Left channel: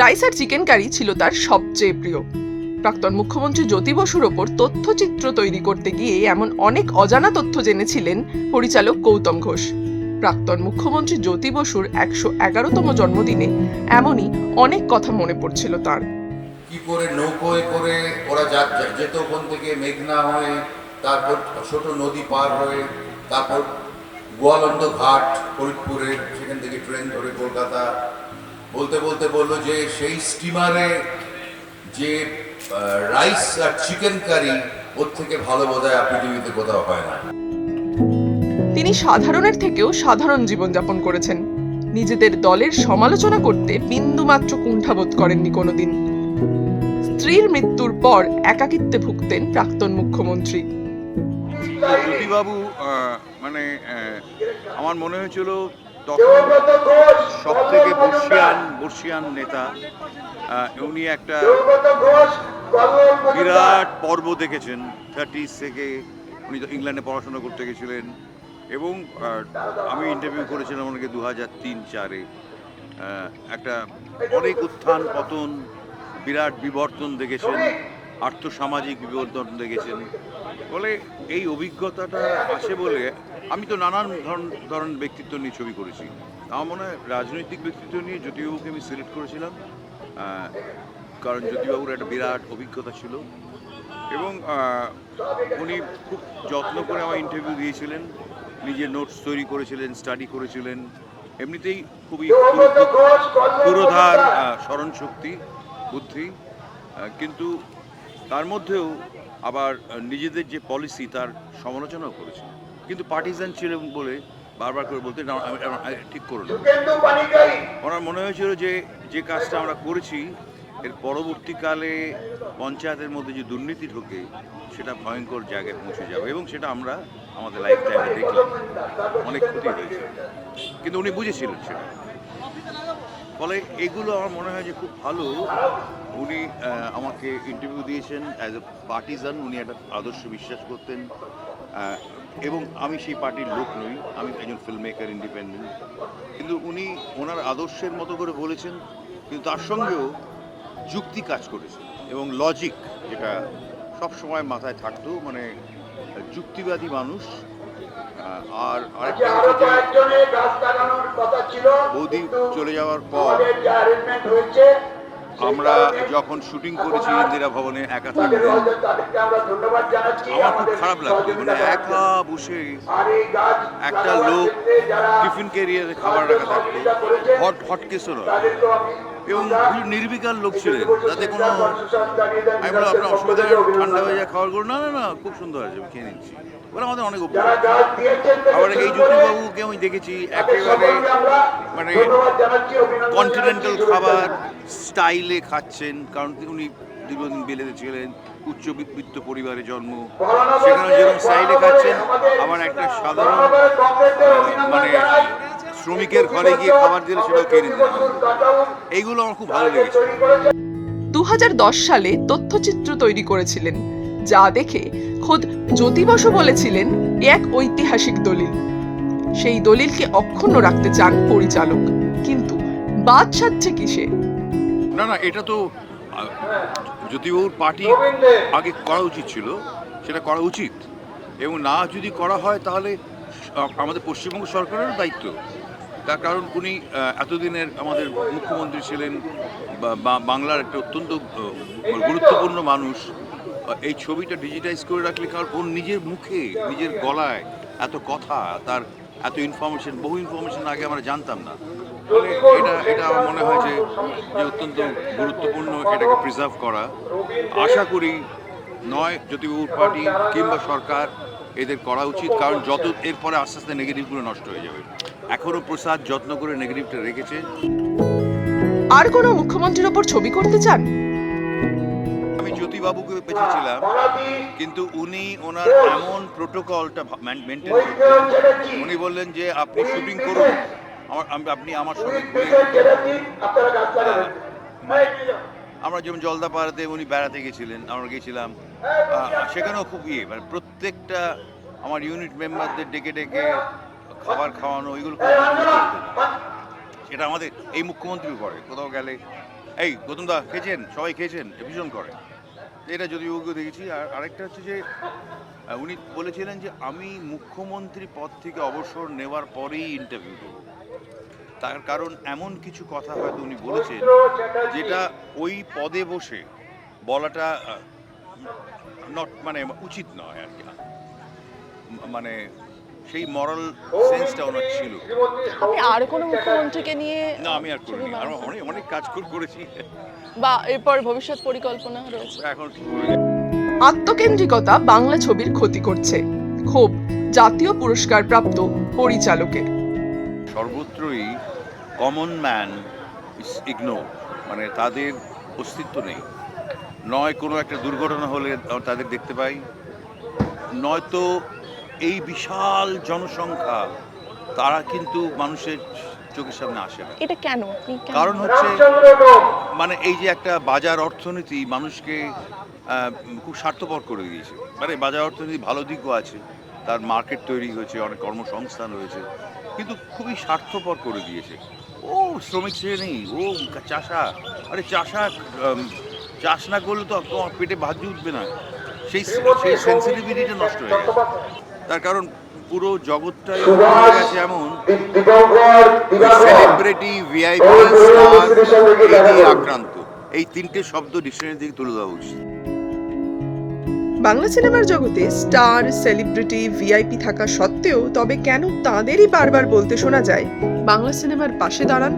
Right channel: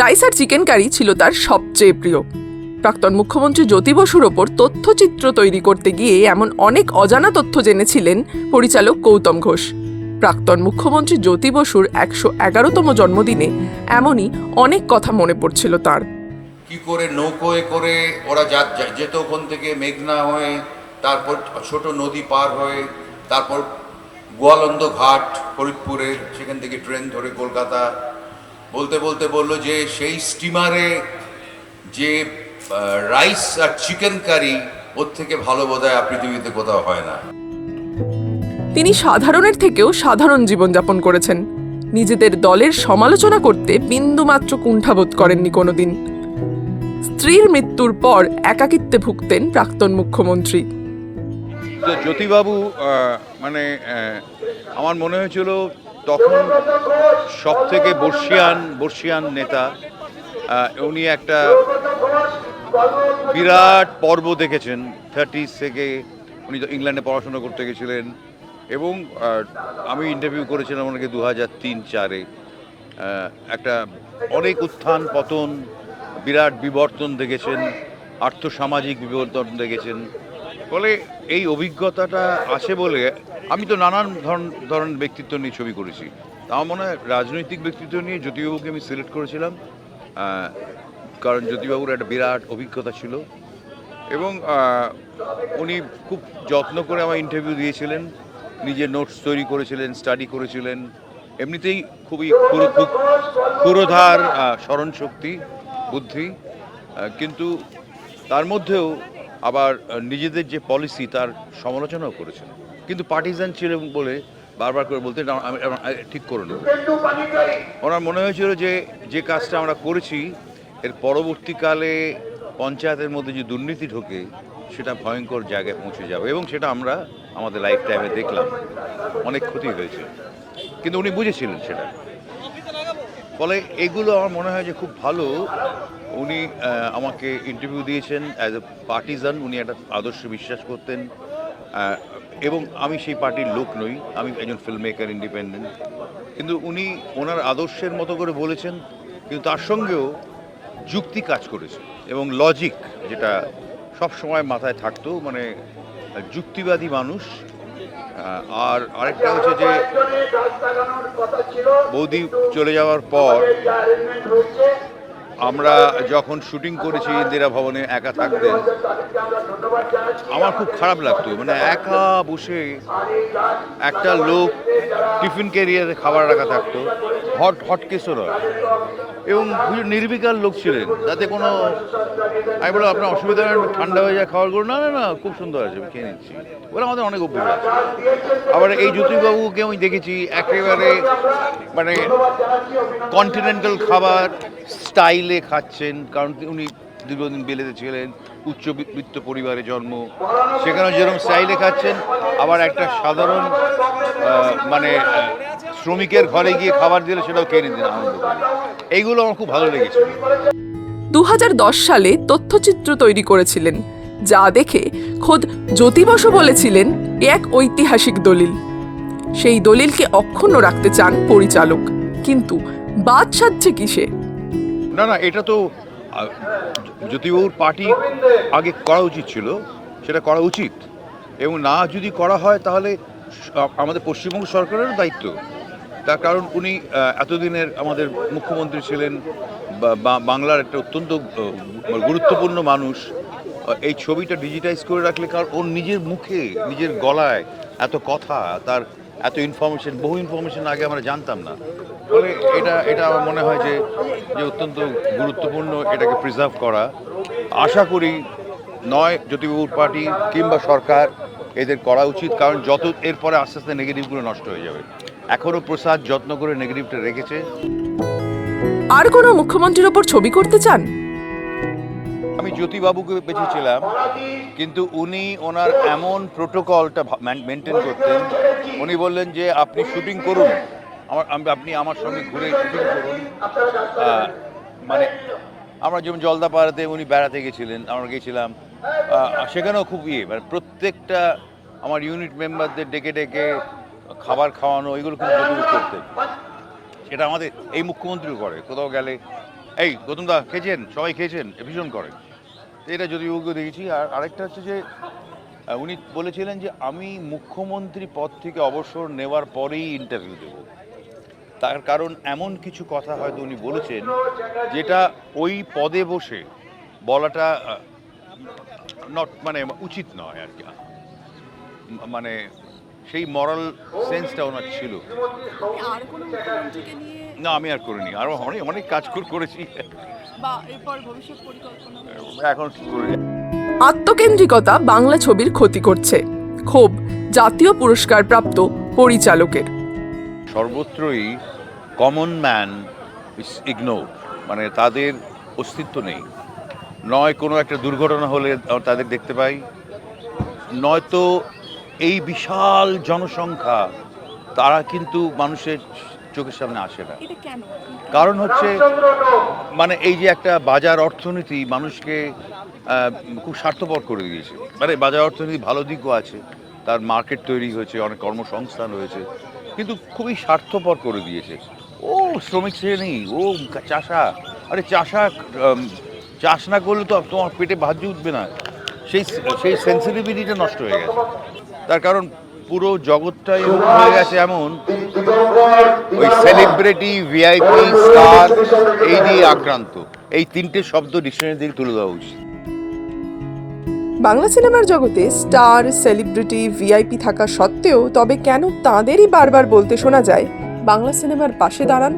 Rice আর chicken curry ছিল তার সবচেয়ে প্রিয়। প্রাক্তন মুখ্যমন্ত্রী জ্যোতি বসুর ওপর তথ্যচিত্র তৈরি করতে গিয়ে এমন অনেক অজানা তথ্য জেনেছিলেন পরিচালক গৌতম ঘোষ। প্রাক্তন মুখ্যমন্ত্রী জ্যোতি বসুর ১১১তম জন্মদিনে এমনই অনেক কথা মনে পড়ছিল তার। কি করে নৌকোয় করে ওরা যেত ওখান থেকে মেঘনা হয়ে, তারপর ছোট নদী পার হয়ে, তারপর গোয়ালন্দ ঘাট ফরিদপুরের, সেখান থেকে ট্রেন ধরে কলকাতা। বলতে বলতে বললো যে সেই স্টিমারে যে রাইস আর চিকেন কারি, ওর থেকে ভালো বোধহয় পৃথিবীতে কোথাও হয় না। তিনি সাধারণের থেকেও সাধারণ জীবনযাপন করেছেন। নিজেদের দলের সমালোচনা করতে বিন্দুমাত্র কুণ্ঠাবোধ করেননি কোনোদিন। স্ত্রীর মৃত্যুর পর একাকিত্বে ভুগতেন প্রাক্তন মুখ্যমন্ত্রী। জ্যোতিবাবু মানে আমার মনে হয়েছিল তখন সব থেকে বর্ষিয়ান নেতা। উনি একটা বিরাট পর্ব দেখেছেন 30s থেকে। উনি তো ইংল্যান্ডে পড়াশোনা করতে গেছিলেন এবং আমি ইন্টারভিউ করেছিলাম ওনাকে 2003-04-এ। একটা অনেক উত্থান পতন, বিরাট বিবর্তন দেখেছেন, আর্থসামাজিক বিবর্তন দেখেছেন। ফলে এই অভিজ্ঞতাটা আছে বলে আমি তো নানান ধরনের ব্যক্তিত্ব নিয়ে ছবি করেছি। আমার মনে হয় রাজনৈতিক ব্যক্তিত্ব নিয়ে জ্যোতিবাবুকে আমি সিলেক্ট করেছিলাম, কারণ জ্যোতিবাবুর একটা বিরাট অভিজ্ঞতা ছিল এবং উনি খুব যত্ন করে আমার ইন্টারভিউ দিয়েছিলেন, নিজের নোটস তৈরি করেছিলেন, স্টাডি করেছিলেন। এমনিতেই খুবই পুরোধার স্মরণশক্তি, বুদ্ধি, কিন্তু তার মধ্যেও আবার নিজেদের যে পলিসি তার সমালোচনাও করেছে। কিন্তু পার্টিজান ছিলেন বলে বারবার করে বলতে ঠিক করে নেব। ওনার মনে হয়েছিল যে কাজটা আমরা করেছি এর পরবর্তীকালে পঞ্চায়েতের মধ্যে যে দুর্নীতি ঢোকে সেটা ভয়ঙ্কর জায়গায় পৌঁছে যাবে, এবং সেটা আমরা আমাদের লাইফ টাইমে দেখলাম, অনেক ক্ষতি হয়েছে। কিন্তু উনি বুঝেছিলেন সেটা। ফলে এগুলো আমার মনে হয় যে খুব ভালো। উনি আমাকে ইন্টারভিউ দিয়েছেন অ্যাজ এ পার্টিজান। উনি একটা আদর্শে বিশ্বাস করতেন এবং আমি সেই পার্টির লোক নই, আমি একজন ফিল্ম মেকার, ইন্ডিপেন্ডেন্ট। কিন্তু উনি ওনার আদর্শের মতো করে বলেছেন, কিন্তু তার সঙ্গেও যুক্তি কাজ করেছে এবং লজিক, যেটা সব সময় মাথায় থাকতো, মানে যুক্তিবাদী মানুষ। আর আরেকটা হচ্ছে যে বৌদি চলে যাওয়ার পর আমরা যখন শুটিং করেছি ইন্দিরা ভবনে, একা থাকতেন, আমার খুব খারাপ লাগতো। মানে একা বসে একটা লোক টিফিন ক্যারিয়ারে খাবার রাখা থাকতো, হটকেসও নয়, এবং নির্বিকার লোক ছিলেন, তাতে কোনো, আমি বললাম আপনার অসুবিধা ঠান্ডা হয়ে যায় খাবারগুলো, না না না খুব সুন্দর আছে, আমি খেয়ে নিচ্ছি। বলে আমাদের অনেক অভ্যাস। আবার এই জ্যোতিবাবুকে আমি দেখেছি একেবারে মানে কন্টিনেন্টাল খাবার স্টাইলে খাচ্ছেন, কারণ উনি দীর্ঘদিন বেলেতে ছিলেন, উচ্চবিত্ত পরিবারে জন্ম, সেখানে যেরকম স্টাইলে খাচ্ছেন, আবার একটা সাধারণ মানে শ্রমিকের ঘরে গিয়ে খাবার দিলে সেটাও খেয়ে নিতেন। এইগুলো আমার খুব ভালো লেগেছে। 2010 সালে তথ্যচিত্র তৈরি করেছিলেন, যা দেখে খোদ জ্যোতি বসু বলেছিলেন এক ঐতিহাসিক দলিল। সেই দলিলকে অক্ষুণ্ণ রাখতে চান পরিচালক, কিন্তু বাদ সাধছে কিসে? না, এটা তো জ্যোতিবাবুর পার্টি আগে করা উচিত ছিল, সেটা করা উচিত, এবং না যদি করা হয় তাহলে আমাদের পশ্চিমবঙ্গ সরকারেরও দায়িত্ব। তার কারণ উনি এতদিনের আমাদের মুখ্যমন্ত্রী ছিলেন, বাংলার একটা অত্যন্ত গুরুত্বপূর্ণ মানুষ। এই ছবিটা ডিজিটাইজ করে রাখলে, কারণ ওর নিজের মুখে, নিজের গলায় এত কথা, তার এত ইনফরমেশন, বহু ইনফরমেশন আগে আমরা জানতাম না। ফলে এটা আমার মনে হয় যে অত্যন্ত গুরুত্বপূর্ণ এটাকে প্রিজার্ভ করা। আশা করি নয় জ্যোতিবাবুর পার্টি কিংবা সরকার এদের করা উচিত, কারণ যত এরপরে আস্তে আস্তে নেগেটিভগুলো নষ্ট হয়ে যাবে। এখনও প্রসাদ যত্ন করে নেগেটিভটা রেখেছে। আর কোনো মুখ্যমন্ত্রীর ওপর ছবি করতে চান? আমি জ্যোতিবাবুকে পেয়েছিলাম, কিন্তু উনি ওনার এমন প্রোটোকলটা মেনটেন করতেন, উনি বললেন যে আপনি শুটিং করুন, আপনি আমার সঙ্গে ঘুরে মানে আমরা যেমন জলদাপাড়াতে উনি বেড়াতে গেছিলেন, আমরা গেছিলাম, সেখানেও খুব মানে প্রত্যেকটা আমার ইউনিট মেম্বারদের ডেকে ডেকে খাবার খাওয়ানো, এগুলো খুব করতেন। সেটা আমাদের এই মুখ্যমন্ত্রী করে, কোথাও গেলে এই গৌতম দা খেয়েছেন, সবাই খেয়েছেন, ভীষণ করে এটা যদি ওকে দেখেছি। আর আরেকটা হচ্ছে যে উনি বলেছিলেন যে আমি মুখ্যমন্ত্রী পদ থেকে অবসর নেওয়ার পরেই ইন্টারভিউ দেব। তার কারণ এমন কিছু কথা হয়তো উনি বলেছেন যেটা ওই পদে বসে বলাটা মানে উচিত নয় আর কি। মানে সেই মরাল সেন্সটা ওনার ছিল। আপনি আর কোনো মুখ্যমন্ত্রীকে নিয়ে না, আমি আর করিনি, আরো অনেক কাজ করেছি, বা এরপর ভবিষ্যৎ পরিকল্পনা রয়েছে? এখন কি করে আত্মকেন্দ্রিকতা বাংলা ছবির ক্ষতি করছে, ক্ষোভ জাতীয় পুরস্কার প্রাপ্ত পরিচালকের। সর্বত্রই কমন ম্যান ইজ ইগনোর, মানে তাদের অস্তিত্ব নেই। নয় কোনো একটা দুর্ঘটনা হলে তাদের দেখতে পাই, নয়তো এই বিশাল জনসংখ্যা তারা কিন্তু মানুষের চোখের সামনে আসে না। এটা কেন? কারণ হচ্ছে মানে এই যে একটা বাজার অর্থনীতি মানুষকে খুব স্বার্থপর করে দিয়েছে। মানে বাজার অর্থনীতি ভালো দিকও আছে, তার মার্কেট তৈরি হয়েছে, অনেক কর্মসংস্থান হয়েছে, কিন্তু খুবই স্বার্থপর করে দিয়েছে। ও শ্রমিক শ্রেণী, ও চাষা, আরে চাষা চাষ না করলে তো তোমার পেটে ভাত উঠবে না, সেই সেন্সিটিভিটিটা নষ্ট হয়ে গেছে। তার কারণ পুরো জগৎটাই হয়ে গেছে এমন সেলিব্রিটি, ভিআইপি, স্টার এই দিয়ে আক্রান্ত। এই তিনটে শব্দ ডিকশনারি থেকে তুলে দেওয়া উচিত। বাংলা সিনেমার জগতে স্টার, সেলিব্রিটি, ভিআইপি থাকা সত্ত্বেও তবে কেন তাঁদেরই বারবার বলতে শোনা যায় বাংলা সিনেমার পাশে দাঁড়ান?